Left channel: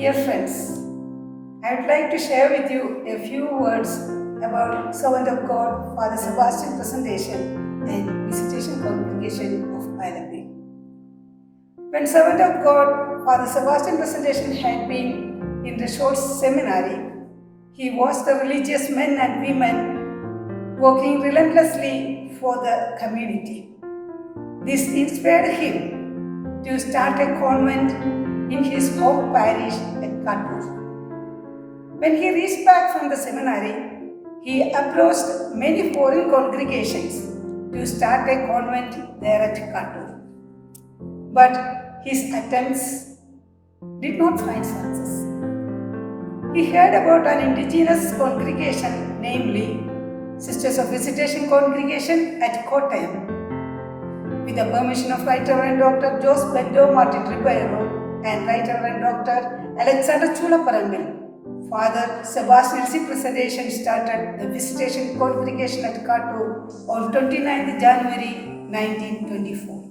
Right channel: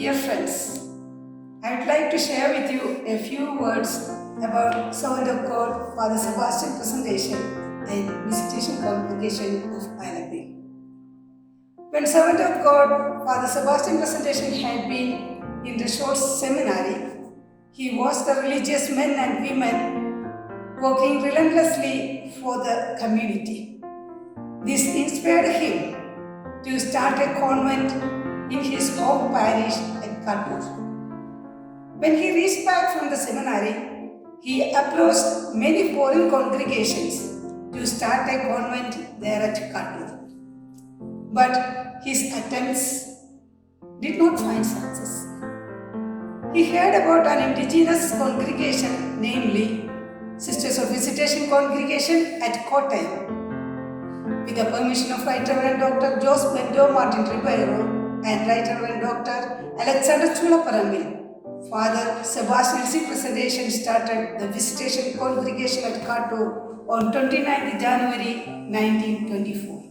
Dear friends, I would like to share with you a few words about Servant of God, Father Sebastian Presentation and Visitation Congregation of Alleeppey. When Servant of God, Father Sebastian Presentation had been in the short seminary, he watched the religious men and women working relentlessly for the community. This inspired him to start a convent in his home parish at Kattur. When he reached back from the seminary, he approached many foreign congregations to start a convent there at Kattur. But his attempts did not find success. He heard about an indigenous congregation, namely Sisters of Visitation congregation at Kottayam. With the permission of Right Reverend Dr. Jose Bendo Martin Ribeiro and Right Reverend Dr. Alexander Chulaparambil, Father Sebastian Presentation started the Visitation congregation at Kattur on 29 January 1924.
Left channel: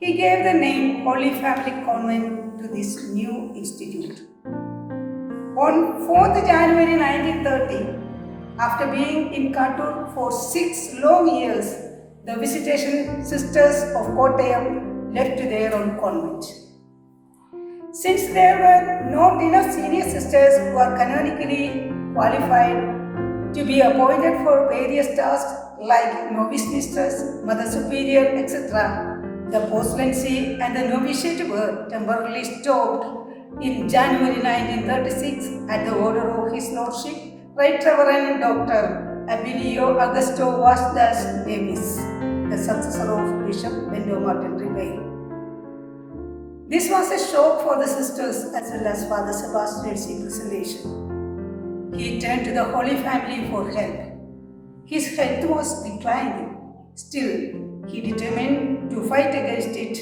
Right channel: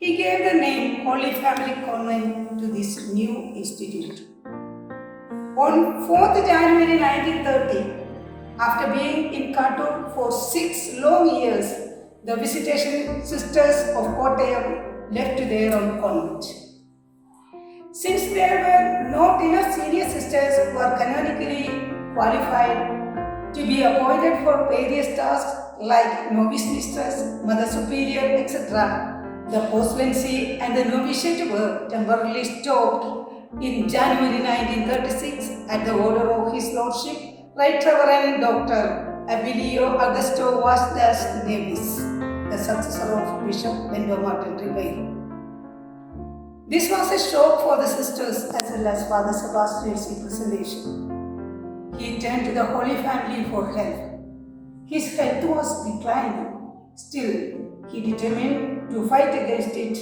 He gave the name Holy Family Convent to this new institute. On 4th January 1930, after being in Kattur for 6 long years, the Visitation Sisters of Kottayam left their own convent. Since there were not enough senior sisters who are canonically qualified to be appointed for various tasks like novice misters, mother superior, etc., the postulancy and the novitiate were temporarily stopped in January 1936 at the order of His Lordship, Right Reverend Dr. Abilio Augusto Vasdas Nevis, the successor of Bishop Bendo Martin Ribeiro. This was a shock for the sisters as well as Father Sebastian's presentation. He turned to the Holy Family for help. His health was declining. Still, he determined to fight against it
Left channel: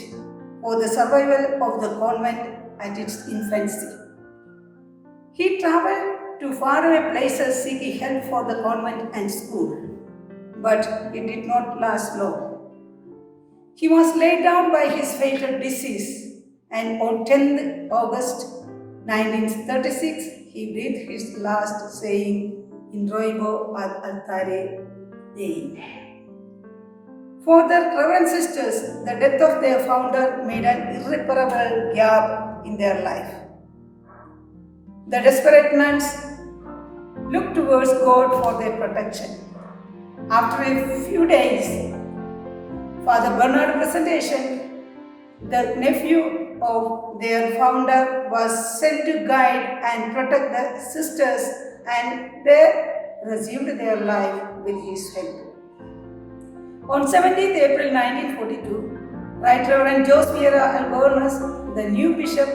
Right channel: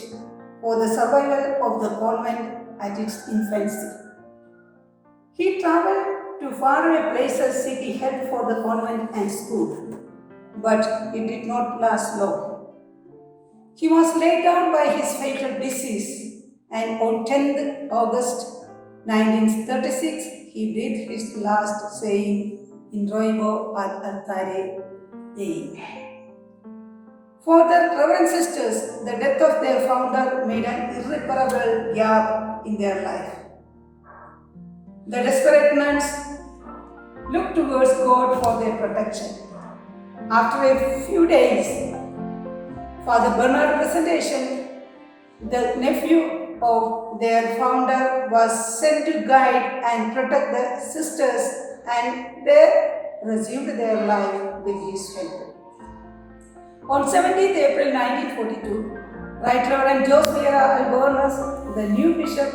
for the survival of the convent at its infancy. He traveled to faraway places seeking help for the convent and school, but it did not last long. He was laid down by his fatal disease, and on 10th August 1936, he breathed his last, saying, "In roibo ad altare Dei." For the Reverend Sisters, the death of their founder made an irreparable gap in their life. The desperate nuns looked towards God for their protection. After a few days, Father Bernard Presentation, the nephew of their founder, was sent to guide and protect the sisters, and they resumed their life with his help. On 17th April 1942, Right Reverend Jose Vieira Albornoz, the new bishop,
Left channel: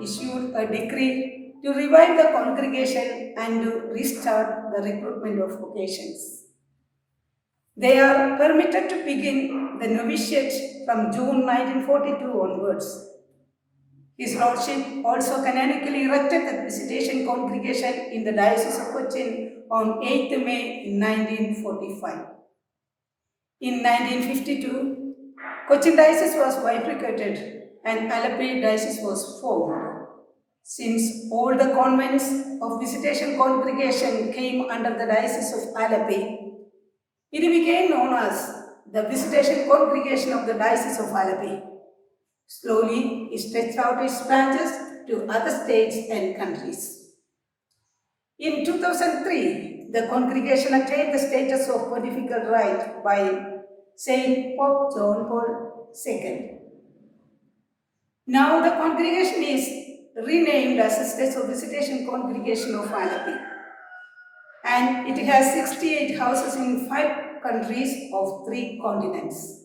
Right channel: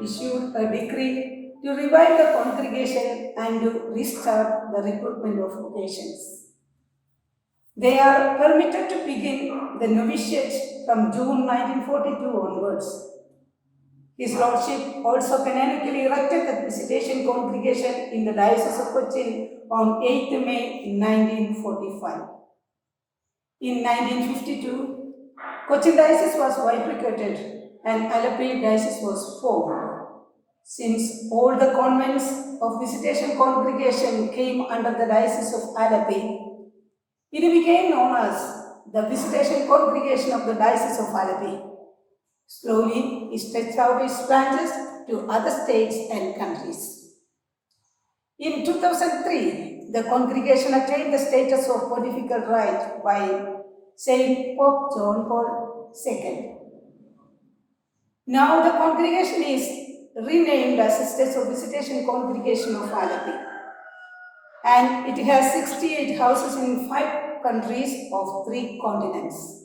issued a decree to revive the congregation and to restart the recruitment of vocations. They are permitted to begin the novitiate from June 1942 onwards. His Lordship also canonically erected the Visitation congregation in the Diocese of Cochin on 8th May 1945. In 1952, Cochin Diocese was bifurcated and Alleeppey Diocese was formed. Since all the convents of Visitation congregation came under the Diocese of Alleeppey, it became known as the Visitation congregation of the Diocese of Alleeppey. Slowly, it stretched out its branches to other states and countries. In 2003, the congregation attained the status of pontifical right by Saint Pope John Paul II. Now the congregation is renamed as Sisters of Visitation Congregation of Alleeppey, and it has 68 houses in 5 countries of 3 continents.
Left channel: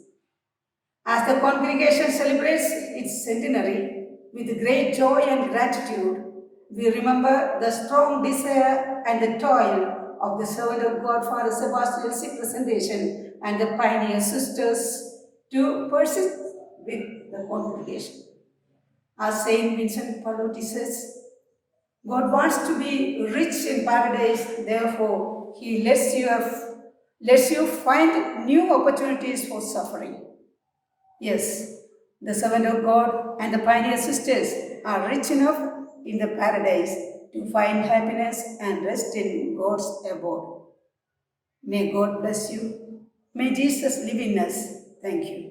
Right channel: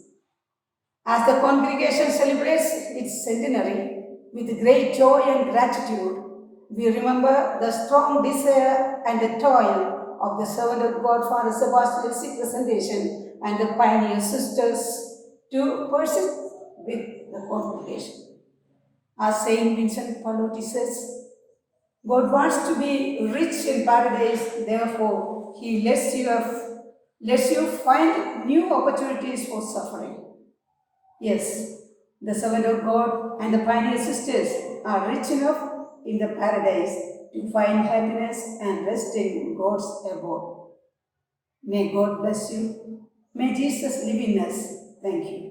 As the congregation celebrates its centenary with great joy and gratitude, we remember the strong desire and the toil of the servant of God, Father Sebastian's Presentation, and the pioneer sisters to persist with the congregation. As Saint Vincent Pallotti says, God wants to be rich in paradise, therefore He lets you find new opportunities for suffering. Yes, the servant of God and the pioneer sisters are rich enough in the paradise to find happiness and rest in God's abode. May God bless you. May Jesus live in us. Thank you.